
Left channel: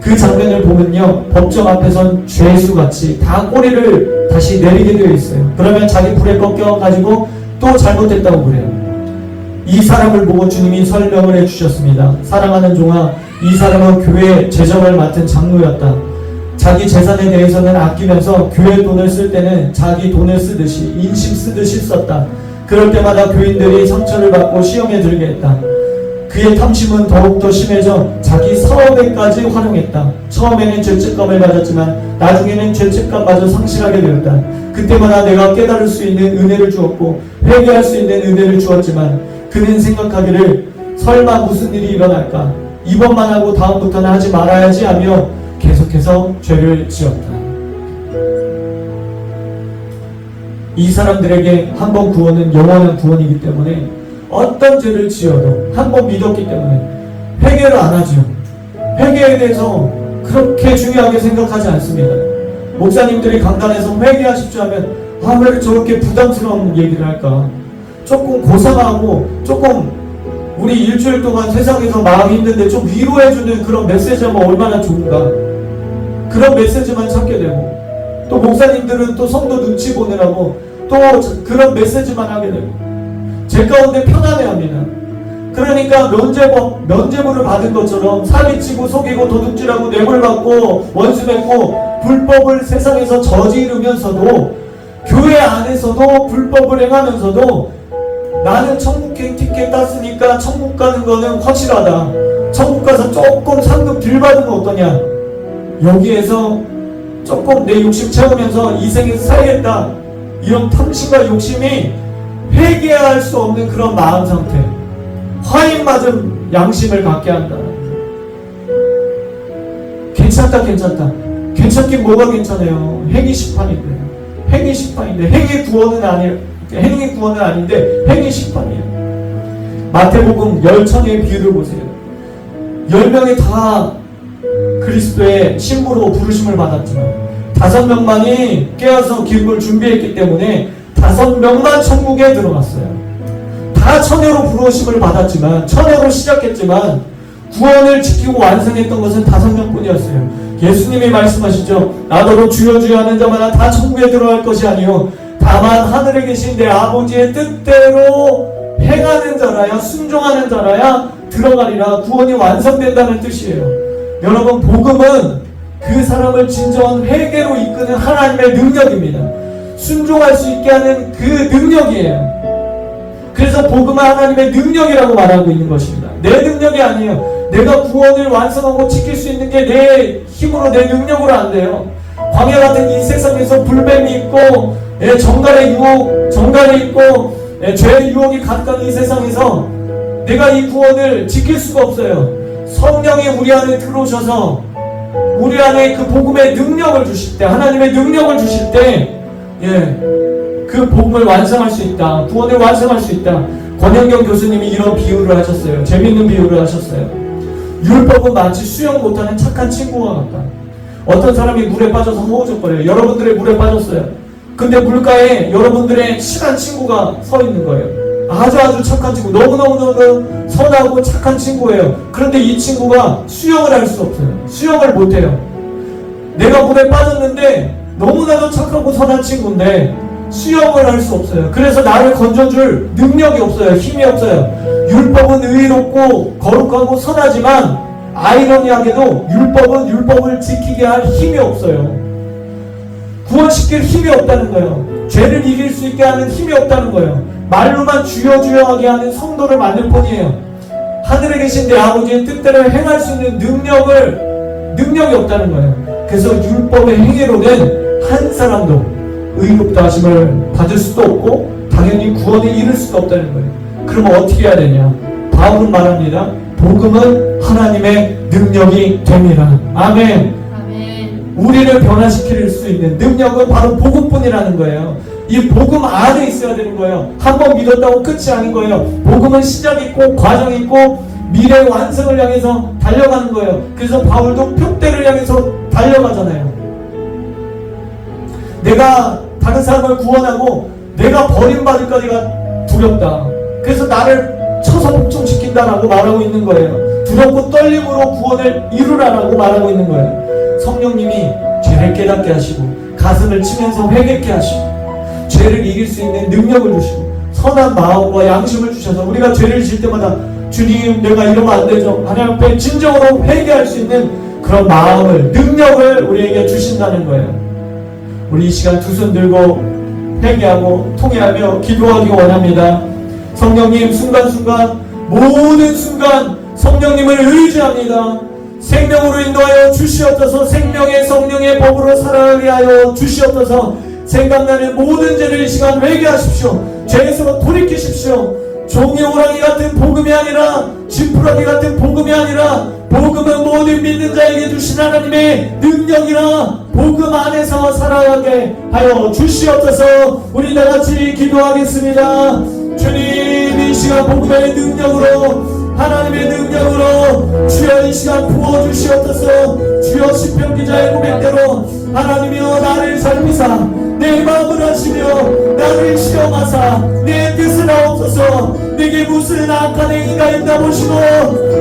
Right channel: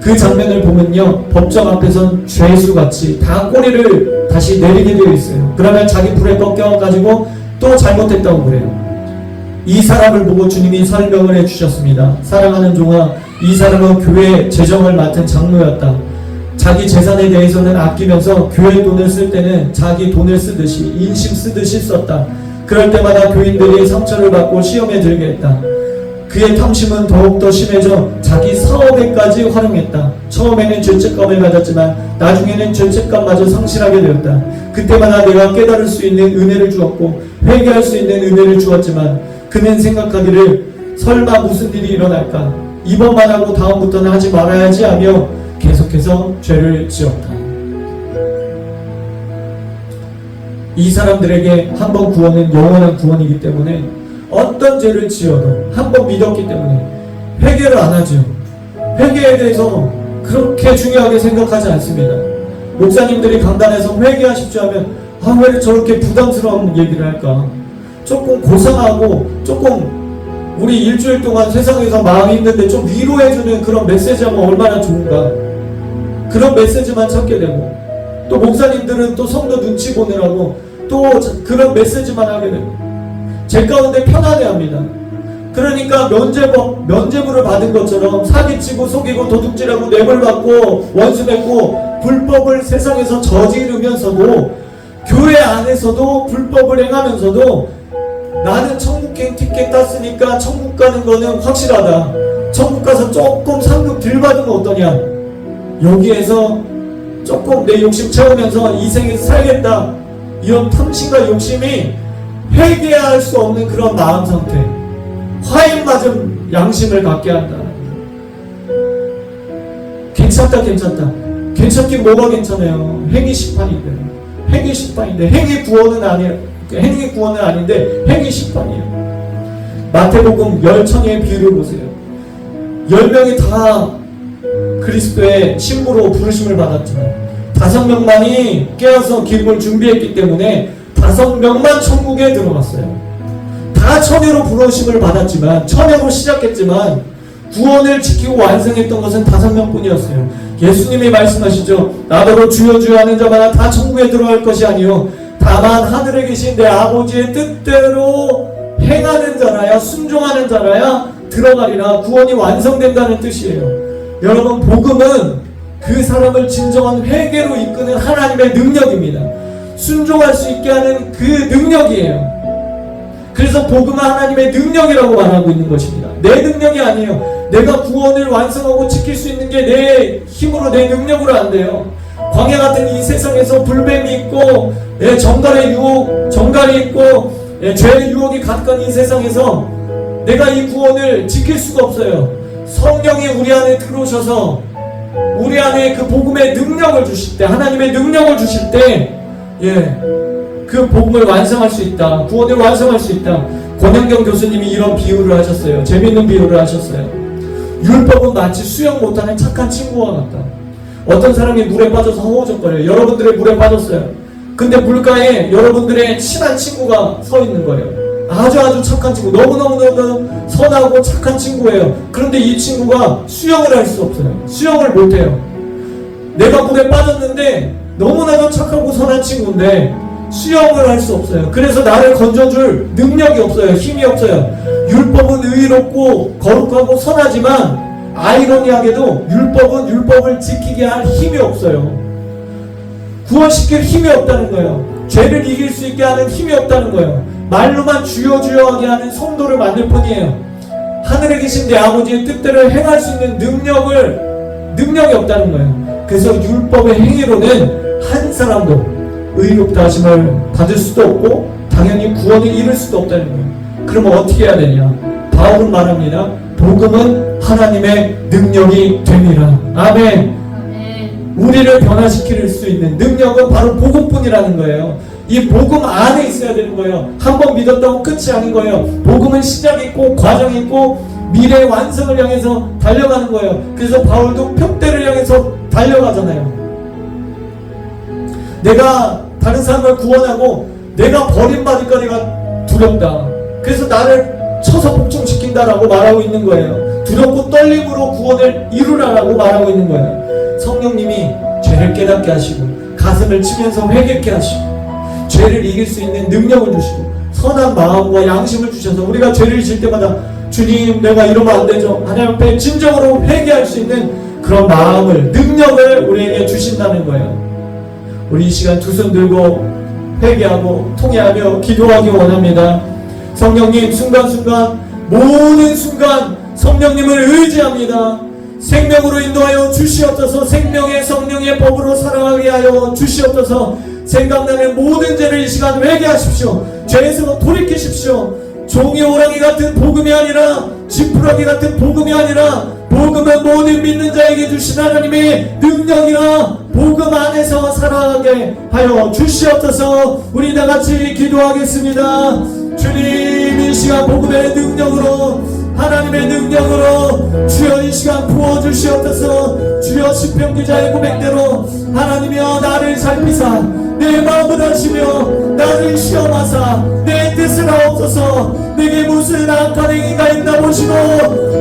그 장면을 보면요, 법정 앞에선 죄수같이 다 꼬리를 다시 내리게 되어 있어요. 그러면 자기 불에 꺾여가지고 또 잘못했다고 그래요. 이 사람을 보고 주님이 설명을 해주셨습니다. 사랑하는 종아, 이 사람은 교회의 재정을 맡은 장로였다. 자기 재산에 대해서는 아끼면서 교회 돈을 쓸 때는 자기 돈을 쓰듯이 인심 쓰듯이 썼다. 그럴 때마다 교인들이 상처를 받고 시험에 들게 했다. 그의 탐심은 더욱더 심해져 자기 사업에까지 활용했다. 처음에는 죄책감을 가졌지만 나중에는 죄책감마저 상실하게 되었다. 그때마다 내가 깨달을 수 있는 은혜를 주었고 회개할 수 있는 은혜를 주었지만 그는 생각하기를 설마 무슨 일이 일어날까? 이번만 하고 다음부터는 하지 말아야지 하며 계속해서 죄를 지었다. 이 사람들에게 한 번 구원은 영원한 구원이기 때문에 어떤 죄를 지어도 한 번 믿었기 때문에 회개를 안 하죠. 회개에 대해서 그렇게 중요하게 생각하지 않습니다. 목사님들이 강단에서 회개하십시오 하면 왜 저렇게 부담스러운 얘기를 할까? 조금 고상하고 조금 우리 일주일 동안 세상에서 마음이 힘든데 좀 위로해주는 그런 메시지하면 얼마나 좋은가. 그런 메시지만 찾게 되고 또 목사님들은 또 성도 눈치 보느라고 또 그런 메시지만 하게 되고 제 가운데 편안해합니다. 그러니까 면죄부를 받은 것처럼 사기치고 속이고 도둑질하고 뇌물받고 원수 맺고 불법을 세상에서 저지르면서도 교회 안에서도 불법을 행하면서도 나는 천국행 티켓 땄으니까 천국 가는 거는 확실하다. 천국 가서 조금 상급 덜 받으면 어떠냐? 여기에서 조금 내 욕심 채우면서 이 생에서 살겠다, 이런 탐심과 욕심이 회개할 수 없는 그런 마음 상태, 화인 맞은 양심을 갖게 한다. 괜찮다, 괜찮긴 뭐가 괜찮아요? 행위 심판인데, 행위 구원은 아닌데 행위 심판이에요. 마태복음 10처녀의 비유를 보세요. 10명이 다 그리스도의 신부로 부르심을 받았지만 5명만이 깨어서 기름을 준비했기 때문에 5명만 천국에 들어갔어요. 다 처녀로 부르심을 받았지만, 처녀로 시작했지만 구원을 지키고 완성했던 것은 5명뿐이었어요. 예수님이 말씀하시죠. 나더러 주여 주여 하는 자마다 다 천국에 들어갈 것이 아니요 다만 하늘에 계신 내 아버지의 뜻대로 행하는 자라야, 순종하는 자라야 들어가리라. 구원이 완성된다는 뜻이에요. 여러분, 복음은 그 사람을 진정한 회개로 이끄는 하나님의 능력입니다. 순종할 수 있게 하는 그 능력이에요. 그래서 복음은 하나님의 능력이라고 말하고 있는 것입니다. 내 능력이 아니에요. 내가 구원을 완성하고 지킬 수 있는 게 내 힘으로, 내 능력으로 안 돼요. 광야 같은 이 세상에서 불뱀이 있고 정갈의 유혹, 정갈이 있고 죄의 유혹이 가득한 이 세상에서 내가 이 구원을 지킬 수가 없어요. 성령이 우리 안에 들어오셔서 우리 안에 그 복음의 능력을 주실 때, 하나님의 능력을 주실 때, 그 복음을 완성할 수 있다, 구원을 완성할 수 있다. 권영경 교수님이 이런 비유를 하셨어요. 재밌는 비유를 하셨어요. 율법은 마치 수영 못하는 착한 친구와 같다. 어떤 사람이 물에 빠져서 허우적거려요. 여러분들의 물에 빠졌어요. 근데 물가에 여러분들의 친한 친구가 서 있는 거예요. 아주 착한 친구, 너무너무 선하고 착한 친구예요. 그런데 이 친구가 수영을 할 수 없어요. 수영을 못해요. 내가 물에 빠졌는데 너무나도 착하고 선한 친구인데 수영을 할 수 없어요. 그래서 나를 건져줄 능력이 없어요. 힘이 없어요. 율법은 의롭고 거룩하고 선하지만 아이러니하게도 율법은 율법을 지키게 할 힘이 없어요. 구원시킬 힘이 없다는 거예요. 죄를 이길 수 있게 하는 힘이 없다는 거예요. 말로만 주여 주여 하게 하는 성도를 만들 뿐이에요. 하늘에 계신 내 아버지의 뜻대로 행할 수 있는 능력이 없다는 거예요. 그래서 율법의 행위로는 한 사람도 의롭다 하심을 받을 수도 없고 당연히 구원을 이룰 수도 없다는 거예요. 그러면 어떻게 해야 되냐? 바울은 말합니다. 복음은 하나님의 능력이 됩니다. 아멘. 우리를 변화시킬 수 있는 능력은 바로 복음뿐이라는 거예요. 이 복음 안에 있어야 되는 거예요. 한번 믿었다고 끝이 아닌 거예요. 복음은 시작이 있고 과정이 있고 미래의 완성을 향해서 달려가는 거예요. 그래서 바울도 표대를 향해서 달려가잖아요. 내가 다른 사람을 구원하고 내가 버림받을까지가 두렵다. 그래서 나를 쳐서 복종시킨다라고 말하고 있는 거예요. 두렵고 떨림으로 구원을 이루라라고 말하고 있는 거예요. 성령님이 죄를 깨닫게 하시고 가슴을 치면서 회개케 하시고 죄를 이길 수 있는 능력을 주시고 선한 마음과 양심을 주셔서 우리가 죄를 질 때마다 주님 내가 이러면 안 되죠. 하나님 앞에 진정으로 회개할 수 있는 그런 마음을, 능력을 우리에게 주신다는 거예요. 우리 이 시간 두 손 들고 회개하고 통회하며 기도하기 원합니다. 성령님, 순간순간 모든 순간 성령님을 의지합니다. 생명으로 인도하여 주시옵소서. 생명의 성령의 법으로 살아가게 하여 주시옵소서. 생각나는 모든 죄를 이 시간 회개하십시오. 죄에서 돌이키십시오. 종이 호랑이 같은 복음이 아니라 지푸라기 같은 복음이 아니라 복음은 모든 믿는 자에게 주신 하나님의 능력이라 복음 안에서 살아가게 하여 주시옵소서. 우리 다같이 기도하겠습니다. 주님, 이 시간 복음의 능력으로, 하나님의 능력으로 주여 이 시간 부어주시옵소서. 주여 시편 기자의 고백대로 하나님이여 나를 살피사 내 마음을 하시며 나를 시험하사 내 뜻을 하옵소서. 내게 무슨 악한 행위가 있나 보시고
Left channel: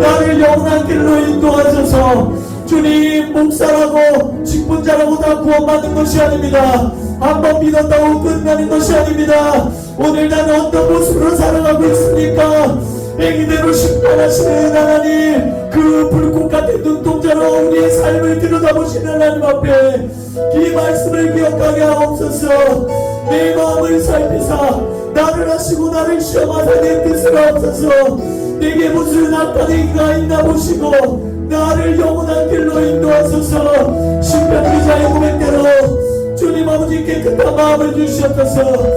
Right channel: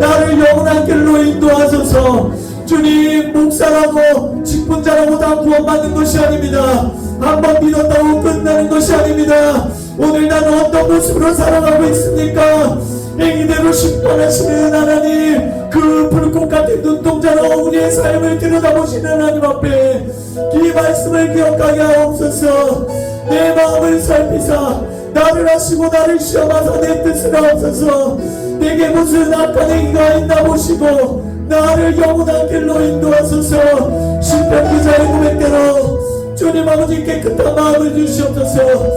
나를 영원한 길로 인도하소서. 주님, 목사라고 직분자라고 다 구원받는 것이 아닙니다. 한번 믿었다고 끝나는 것이 아닙니다. 오늘 나는 어떤 모습으로 살아가고 있습니까? 행위대로 심판하시는 하나님, 그 불꽃 같은 눈동자로 우리의 삶을 들여다보시는 하나님 앞에 이 말씀을 기억하게 하옵소서. 내 마음을 살피사 나를 하시고 나를 시험하사 내 뜻을 없어서 내게 무슨 나타내기가 있나 보시고 나를 영원한 길로 인도하소서. 시편 기자의 고백대로 주님 아버지 깨끗한 마음을 주시옵소서.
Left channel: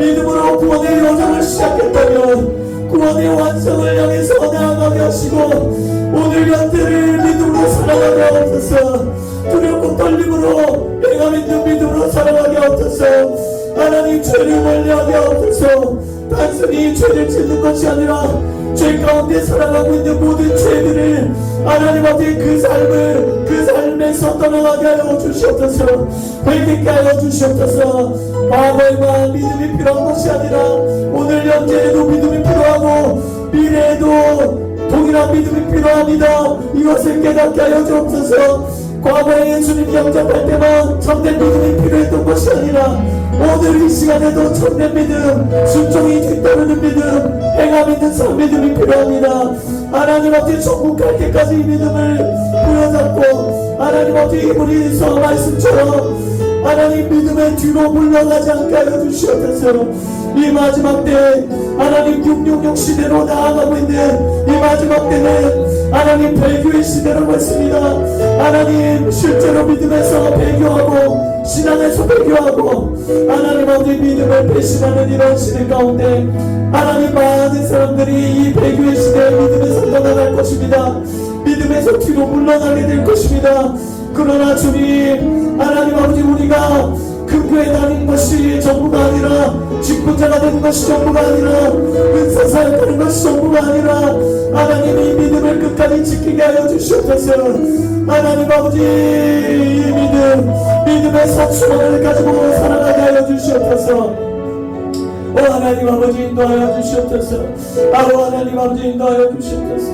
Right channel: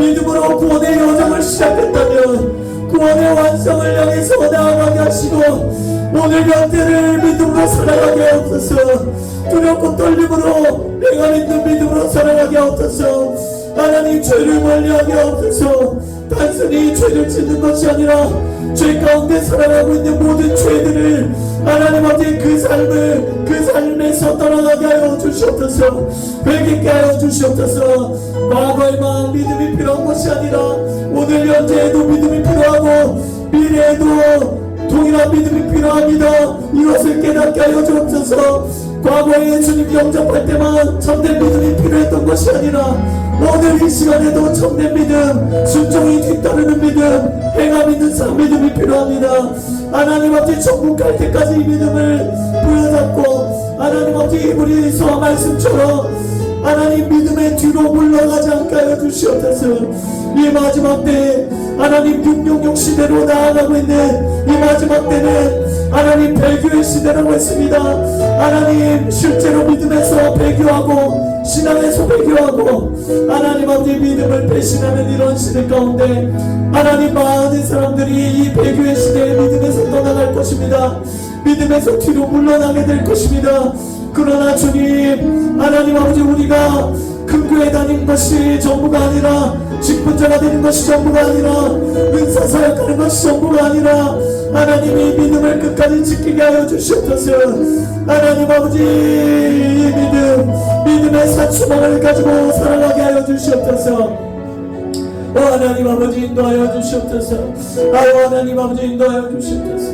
믿음으로 구원의 여정을 시작했다면 구원의 완성을 향해서 나아가게 하시고 오늘 곁들을 믿음으로 살아가게 하옵소서. 두렵고 떨림으로 내가 믿는 믿음으로 살아가게 하옵소서. 하나님 죄를 멀리하게 하옵소서. 단순히 죄를 짓는 것이 아니라 죄 가운데 살아가고 있는 모든 죄들을 하나님 앞에 그 삶에서 떠나가게 하여 주시옵소서. 회개케 하여 주시옵소서. 과거에만 믿음이 필요한 것이 아니라 오늘 현재에도 믿음이 필요하고 미래에도 동일한 믿음이 필요합니다. 이것을 깨닫게 하여 주옵소서. 과거에 예수님 영접할 때만 참된 믿음이 필요했던 것이 아니라 오늘 이 시간에도 참된 믿음, 순종이 뒤따르는 믿음, 행함 있는 삶 믿음이 필요합니다. 하나님 앞에 천국 갈 때까지 이 믿음을 부여잡고 하나님 앞에 이브리서 말씀처럼 하나님 믿음의 뒤로 물러가지 않게 하여 주시옵소서. 이 마지막 때 하나님 666 시대로 나아가고 있는 이 마지막 때는 하나님 배교의 시대라고 했습니다. 하나님 실제로 믿음에서 배교하고 신앙에서 배교하고 하나님 앞에 믿음을 배신하는 이런 시대 가운데 하나님 많은 사람들이 이 배교의 시대에 믿음에서 떠나갈 것입니다. 믿음에서 뒤로 물러나게 될 것입니다. 그러나 주님 하나님 아버지 우리가 금교에 다니는 것이 전부가 아니라 직분자가 되는 것이 전부가 아니라 은사 사역하는 것이 전부가 아니라 하나님이 믿음을 끝까지 지키게 하여 주시옵소서. 하나님 아버지 이 믿음의 사추방을 가지고 살아가게 하여 주시옵소서. 하나님 아버지 인도하여 주시옵소서. 하나님 아버지 인도하여 주시옵소서.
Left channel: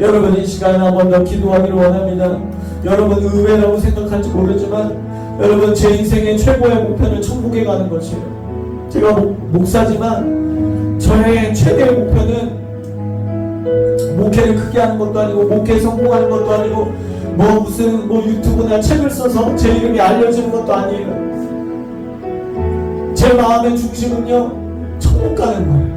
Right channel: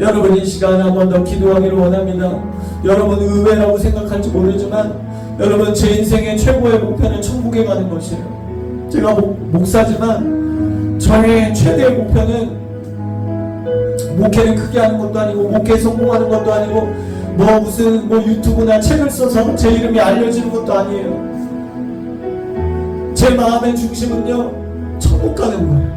여러분 이 시간에 한 번 더 기도하기를 원합니다. 여러분 의외라고 생각할지 모르지만 여러분 제 인생의 최고의 목표는 천국에 가는 것이에요. 제가 목사지만 저의 최대의 목표는 목회를 크게 하는 것도 아니고 목회에 성공하는 것도 아니고 무슨 유튜브나 책을 써서 제 이름이 알려지는 것도 아니에요. 제 마음의 중심은요 천국 가는 거예요.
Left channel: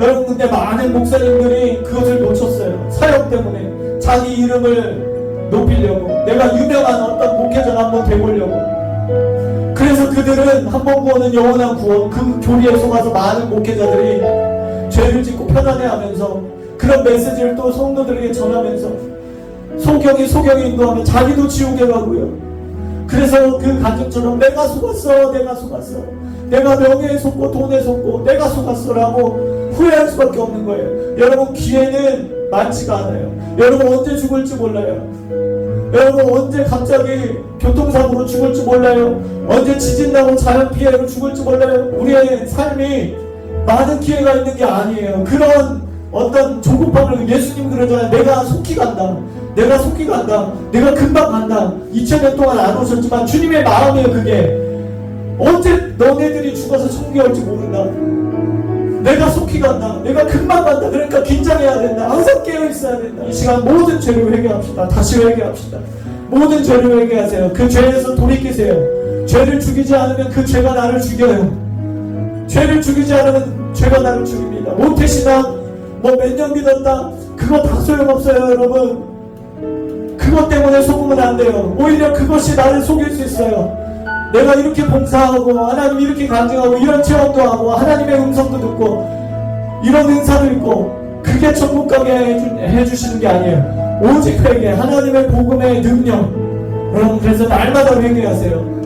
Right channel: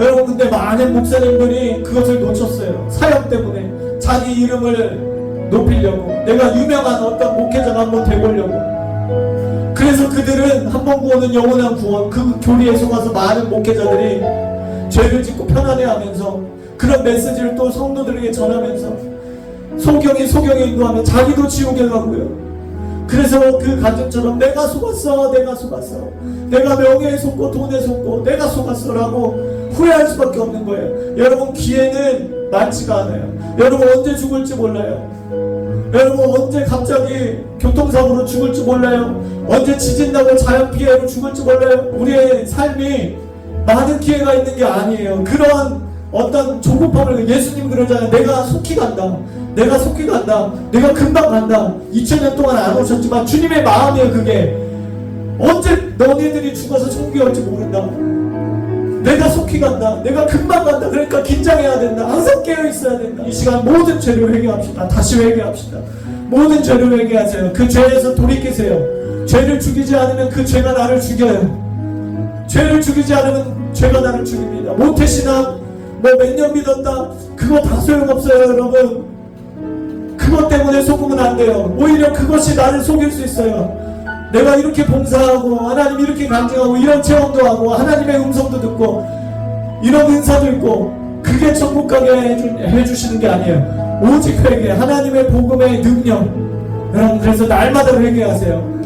여러분 근데 많은 목사님들이 그것을 놓쳤어요. 사역 때문에 자기 이름을 높이려고 내가 유명한 어떤 목회자가 한번 돼보려고. 그래서 그들은 한 번 구원은 영원한 구원 그 교리에 속아서 많은 목회자들이 죄를 짓고 편안해하면서 그런 메시지를 또 성도들에게 전하면서 소경이 인도하면 자기도 지옥에 가고요. 그래서 그 간증처럼 내가 속았어 내가 명예에 속고 돈에 속고 내가 속았어라고 후회할 수밖에 없는 거예요. 여러분 기회는 많지가 않아요. 여러분 언제 죽을지 몰라요. 여러분 언제 갑자기 교통사고로 죽을지 몰라요. 언제 지진나고 자연피해로 죽을지 몰라요. 우리의 삶이 많은 기회가 있는 게 아니에요. 그런 어떤 조급함을 예수님 그러잖아요. 내가 속히 간다. 내가 금방 간다. 2000년 동안 안 오셨지만 주님의 마음이에요. 그게 언제 너네들이 죽어서 천국에 올지 모른다. 내가 속히 간다. 내가 금방 간다. 그러니까 긴장해야 된다. 항상 깨어 있어야 된다. 이 시간 모든 죄를 회개합시다. 다시 회개합시다. 모든 죄를 회개하세요. 그 죄에서 돌이키세요. 죄를 죽이지 않으면 그 죄가 나를 죽여요. 죄를 죽이지 않으면 죄가 나를 죽입니다. 모태신앙 몇 년 믿었다. 그거 다 소용없어요. 여러분 그것 때문에 속으면 안 돼요. 오히려 그것이 나를 속일 수 있어요. 내가 이렇게 봉사하고 하나님 이렇게 간증하고 이런 체험도 하고 하나님의 음성도 듣고 이런 은사도 있고 그게 천국 가게 해주시는 게 아니에요. 오직 회개, 하나님의 복음의 능력. 여러분 그래서 날마다 회개하세요.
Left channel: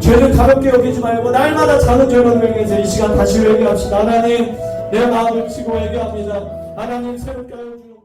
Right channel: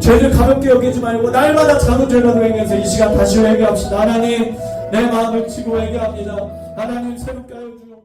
죄를 가볍게 여기지 말고 날마다 작은 죄만 회개해서 이 시간 다시 회개합시다. 하나님 내 마음을 치고 회개합니다. 하나님 새롭게 하여 주옵소서.